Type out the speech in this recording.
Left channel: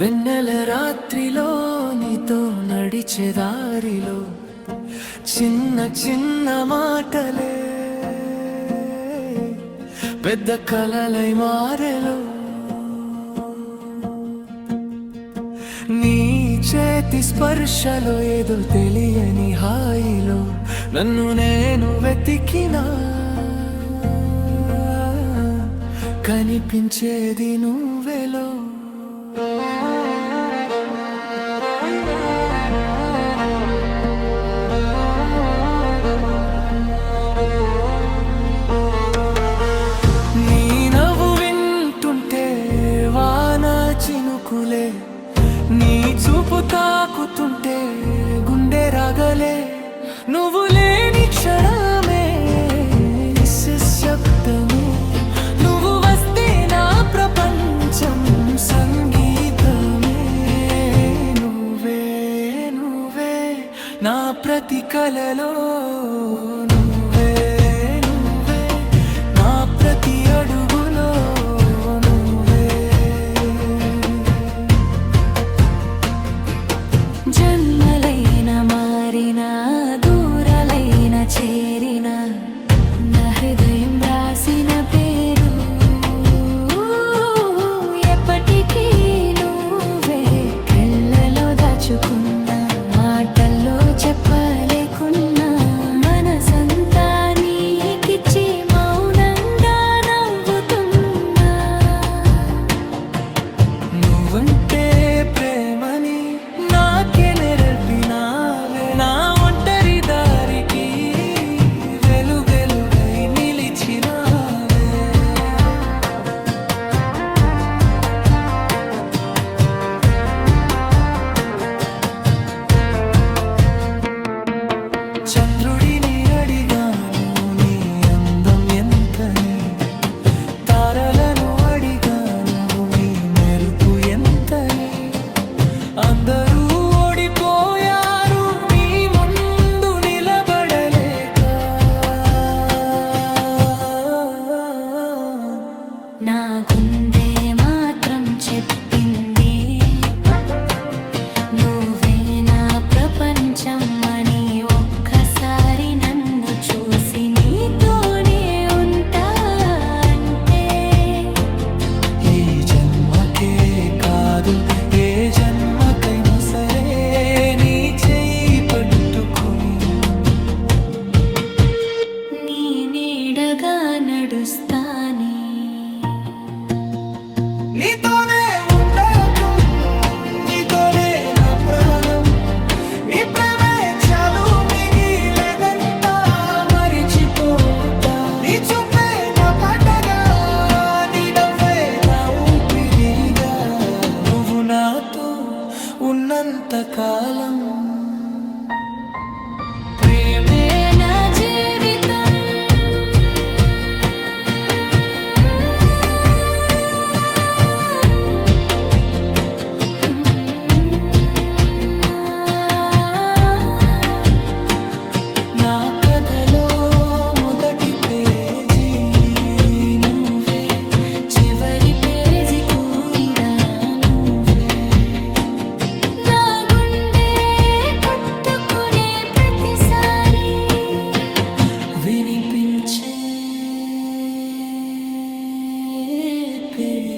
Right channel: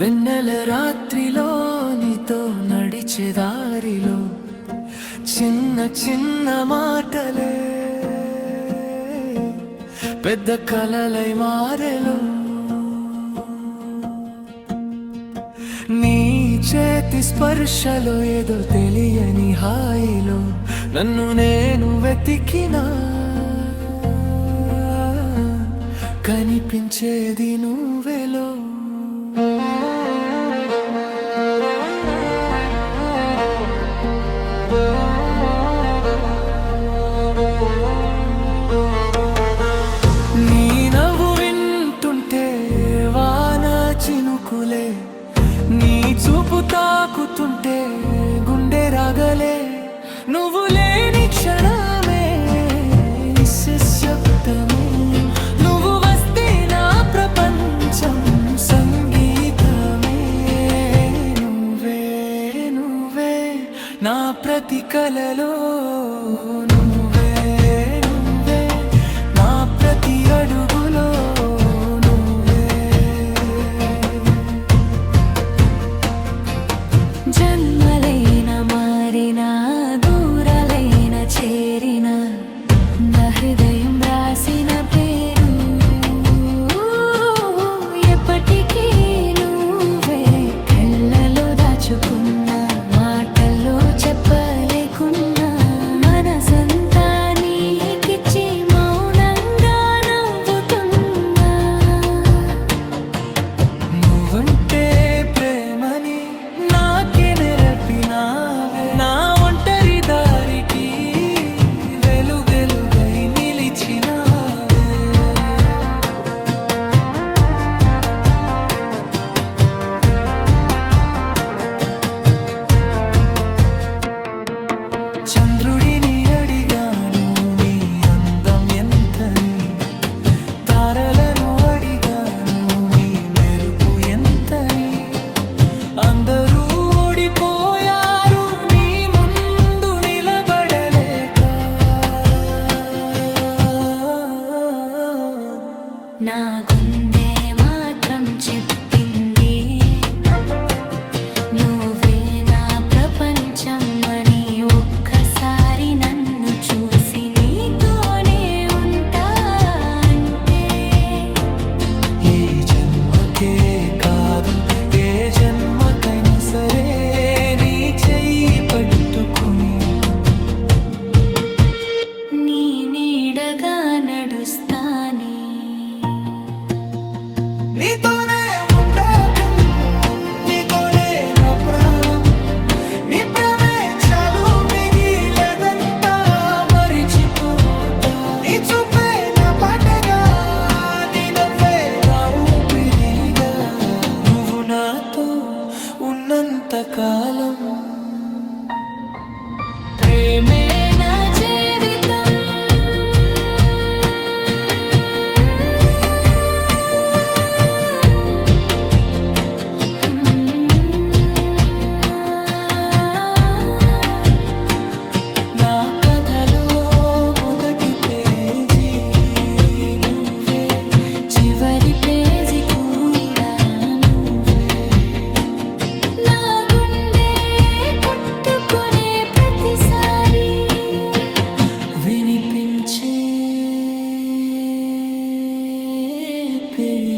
వెన్నెల రాత్రిలో నీతో నడిచే దారిలో చిన్న చిన్న మాటలే పెద్ద కలలై మారెలో నీ చేతి స్పర్శలో ఏదో తెలియని హాయిలో నన్ను నేను వెతికినా కనిపించేది నువ్వెలో నీ నవ్వు వింటుంటే వాన చినుకులే నీ చూపు తాకుతుంటే గుండె రాగలే నువ్వు లేని క్షణమే నిశ్శబ్దమే నువ్వు వస్తే నా ప్రపంచం సంగీతమే నువ్వే నువ్వే నా ప్రతి కలలో నువ్వే నువ్వే నా ప్రతి అడుగులో జన్మలైన మారిన దూరాలైన చేరిన నా హృదయం రాసిన పేరు ఎప్పటికీ నువ్వే కళ్ళలో దాచుకున్న మాటల్లో చెప్పలేకున్నా మనసంతా నీకిచ్చి మౌనంగా నవ్వుతున్నా నువ్వంటే ప్రేమని నేర్పినావే నా ఒంటరి దారికి వెలుగై నిలిచినావే చంద్రుడిని అడిగాను నీ అందం ఎంతని తారలను అడిగాను నీ మెరుపు ఎంతని అందరూ ఓడిపోయారు నీ ముందు నిలబడలేక నా గుండె మాత్రం చెప్పింది నువ్వే నా ప్రపంచం అని ఒక్కసారి నన్ను చూసి నీతోనే ఉంటా అంటే ఈ జన్మకే కాదు ఏ జన్మకైనా సరే నీ చెయ్యి పట్టుకుని నీ నీడగా నడుస్తానే నీతోనే ఉంటాను నీతోనే నా ప్రాణం నీ ప్రేమే చాలు మిగిలేదంతా మరిచిపోతా నీ చూపే నా పాటగా నీ నవ్వే నా ఊపిరిగా నువ్వు నాతో ఉన్నంత కాలం ప్రేమే నా జీవితం నా కథలో మొదటి పేజీ నువ్వే చివరి పేజీ కూడా నువ్వే నా గుండె కొట్టుకునే ప్రతిసారి వినిపించే పేరు